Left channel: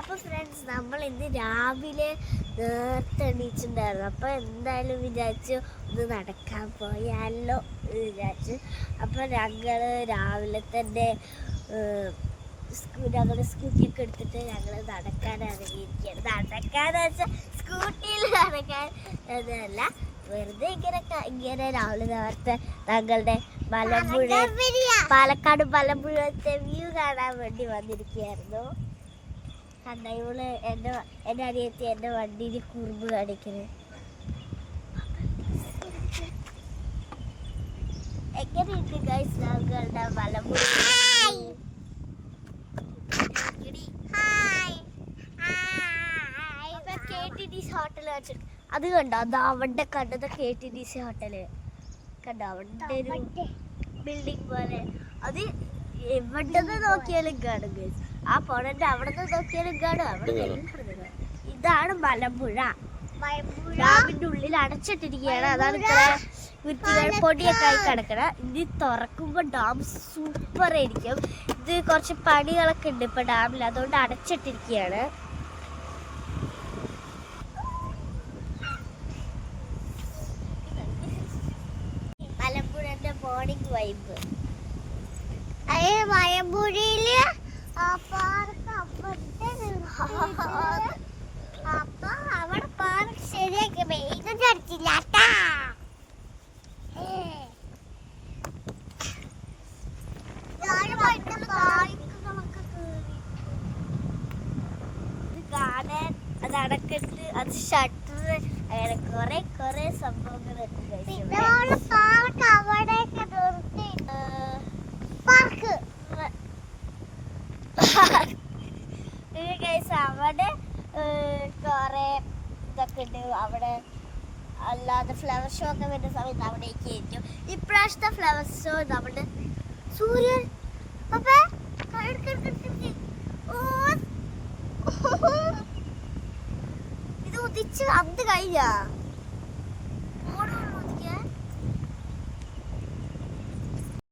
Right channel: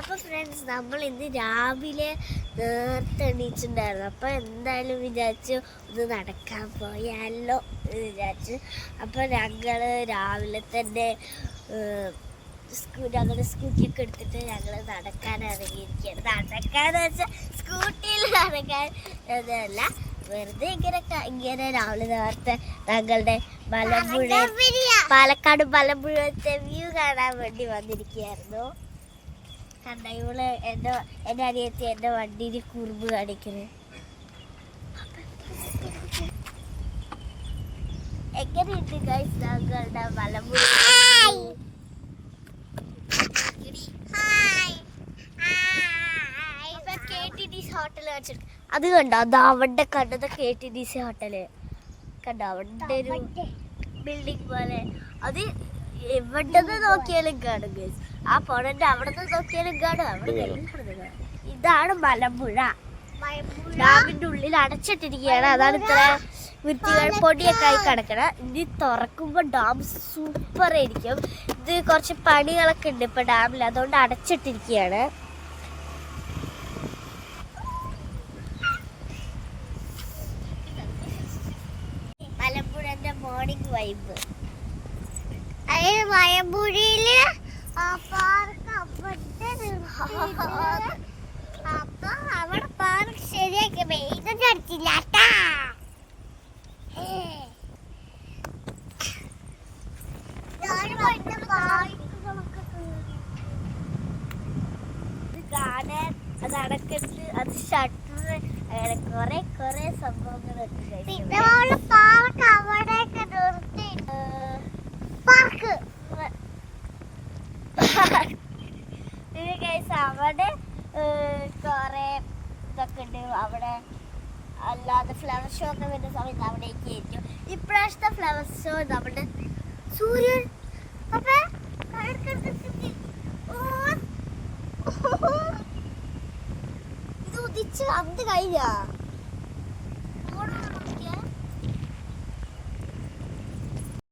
അപ്പൊ ഫ്രണ്ട്സ്, നമ്മൾ ഇന്ന് രാവിലെ നേരത്തെ എണീച്ചിട്ടുണ്ടായിരുന്നു. അപ്പൊ എന്തായാലും വിചാരിച്ചു ഒന്ന് നടക്കാൻ പോയാലോ എന്ന് വിചാരിച്ചു. അപ്പൊ ഞങ്ങള് രാവിലെ തന്നെ ഞങ്ങളുടെ സ്കൂട്ടിയൊക്കെ എടുത്തിട്ട് ഞങ്ങൾ നടക്കാൻ ഇറങ്ങിയിരിക്കുകയാണ്. നടക്കാന്ന് വെച്ചാൽ സ്കൂട്ടിയിൽ നടക്കാൻ എന്നല്ല, വെറുതെ ഇങ്ങനെ രാവിലെ നേരത്തെ ഞങ്ങളുടെ മലമ്പുഴ, പാലക്കാട് മലമ്പുഴത്തെ വ്യൂ കാണാൻ വേണ്ടി വന്നിരിക്കുകയായിരുന്നു. കണ്ട, ഇവള് എൻ്റെ അനിയത്തി എൻ്റെ വണ്ടിയിൽ കുറുമ്പ് കാണിക്കുന്നത്. എങ്ങനെയുണ്ട് ഗൈസ് ഞങ്ങളുടെ മലമ്പുഴ? ഹോട്ടൽ വെച്ചിട്ട് അത് കണ്ടോ, അത് അവിടെ കണ്ടത് KTDC ഹോട്ടല് കണ്ടോ, അവിടെ ഒരു ബിൽഡിംഗ് പോലെ. അത് എവിടെ നോക്കിയാലും കാണും ഗൈസ്. ആ പോണന്റെ അവിടെ നോക്കിയാലും കാണും. ഇതാണ് മലമ്പുഴ. ഡാമിന്റെ ഉള്ളിൽ അടച്ചിട്ടിരിക്കുകയാണ്. അതാണ് ഇത്ര വൃത്തികൾ പൊടിയൊക്കെ ആയി കിടക്കണം. ഇനി തുറക്കുമ്പോൾ ഡാം സൂപ്പർ ആയിരിക്കും. ഇത് കുറച്ച് പണികളൊക്കെ ഉണ്ട് ഇപ്പൊ ഡാമിൽ, അതുകൊണ്ട് അടച്ചിട്ടിരിക്കുകയാണ്. മലമ്പുഴന്റെ മോർണിംഗ് വൈബ്. മലമ്പുഴയില് അപ്പൊ അവിടെ പാർക്ക് ശരിയാക്കി ഇതൊന്നും അടിച്ചില്ല. കാണാൻ അത് അടക്കത്ത്, അത് ഷട്ടർ, അങ്ങനെ കൊറേ സംഭവങ്ങളൊക്കെ. പിന്നെ പാർക്ക് അവിടെയൊക്കെ നിർത്തി പാർക്ക് അവിടെ കുറെ ഇതൊക്കെ ഉണ്ട്. അവിടെ അല്ലാതെ ഫ്ലവർ ഷോ ഒക്കെ വരുന്ന സമയത്ത് അവിടേക്ക് ആയിരിക്കും. ഇപ്രാവശ്യത്തെ ഫ്ലവർ ഷോ നമ്മുടെ സൂര്യൻ ഇത് ഉദിച്ച് അത് കഴിഞ്ഞ